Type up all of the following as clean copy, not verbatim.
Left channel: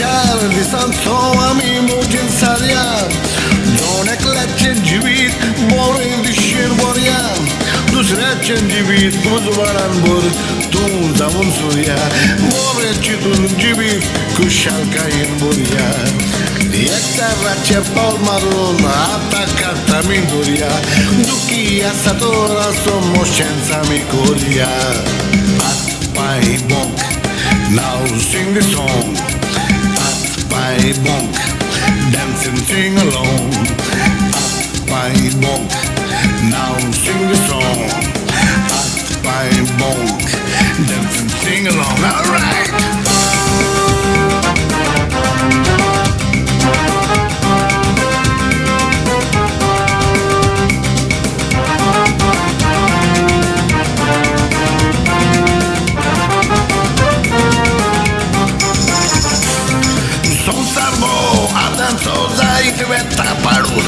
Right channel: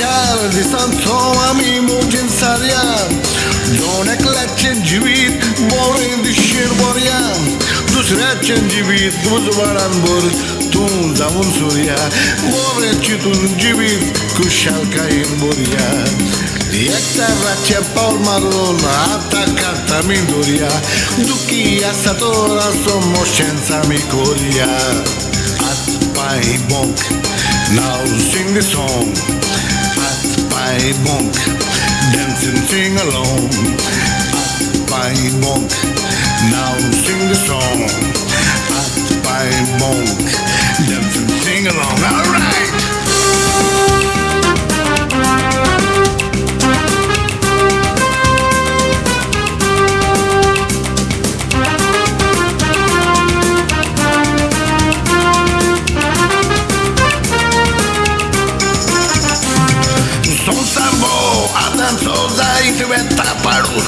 चार दिसांचो आमी मोजीन सारया दोन एकल्याचें जिवीत बोरें दिशेन बोरया दुसऱ्याचें जिवीत उजवाडान भर तूं जावन सोरया बोरें चिंतून जिवीत खुशालकायेन भरया एकठाराचें पावल मारून आतां कात आमी दवरया दुखी आसा तर आसो मोशेंच आमी कोरया हात पांय bonk now sing the song हात पांय bonk dance and sing along हात पांय bonk now sing the song हात पांय bonk dance and sing along alright Sarbo, atanco zaik weta paru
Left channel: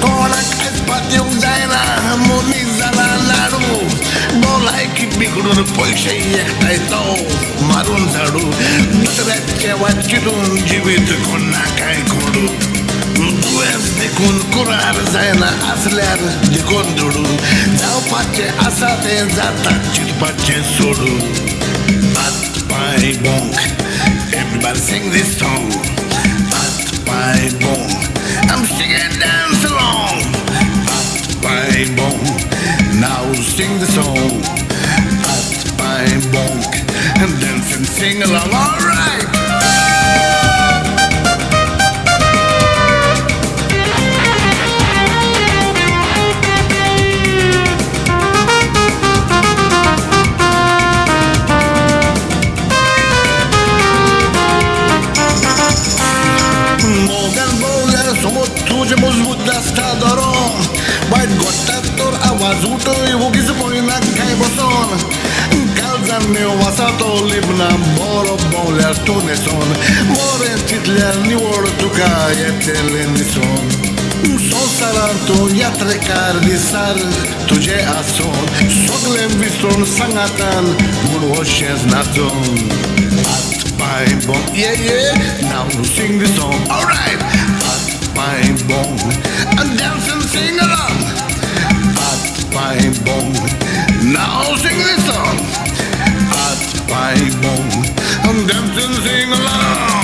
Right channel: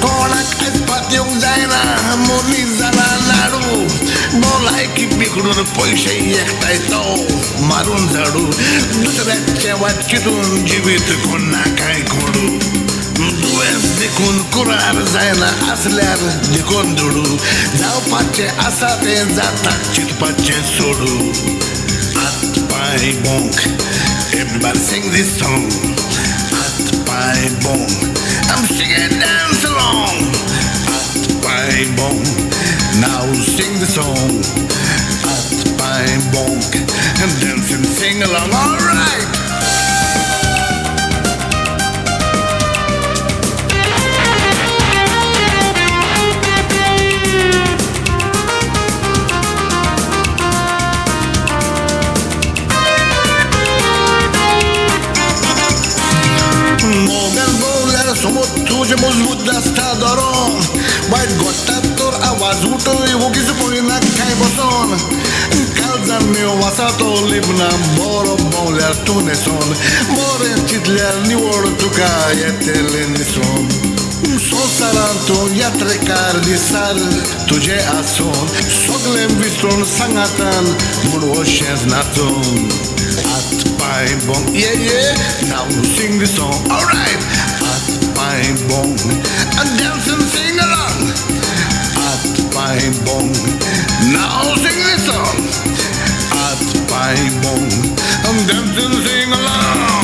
Konak aizpat येऊंक जायना मोनी जाला लाडू बोलायकी बिघडून पैसे एकठांय तो मारून झाडू दुसऱ्याचे वाट चिंतून जिवीत कोणा काय खोडू दुयेंस देखून कुरार जायना आसल्यार देखून धोडू जावपाचे आसा तें जाता चिंतपाचें सोडू हात पांय bonk everybody sing this song हात पांय bonk I'm singing dance along हात पांय bonk now sing the song हात पांय bonk and dance and sing along alright समोर तुझे मजबूत दास्ता धरून वायट घडटा तर आवाज उठय वगीच पळयना काय बसोन काळजान मेव आसा तो लिबना बरो भोंवल्यार तूं न्हेसोन बरें चिंतल्यार निवड तुका येतलें न्हिसोन संवसारांत तूं यात्रेकार दिसार तुजें आसोन सगलें विसरून सांगातान म्हूण अशेंच नाचोन हात पांय bonk yeah yeah now sing the song alright हात पांय bonk and dance and sing along हात पांय bonk now sing the song हात पांय bonk and dance and sing along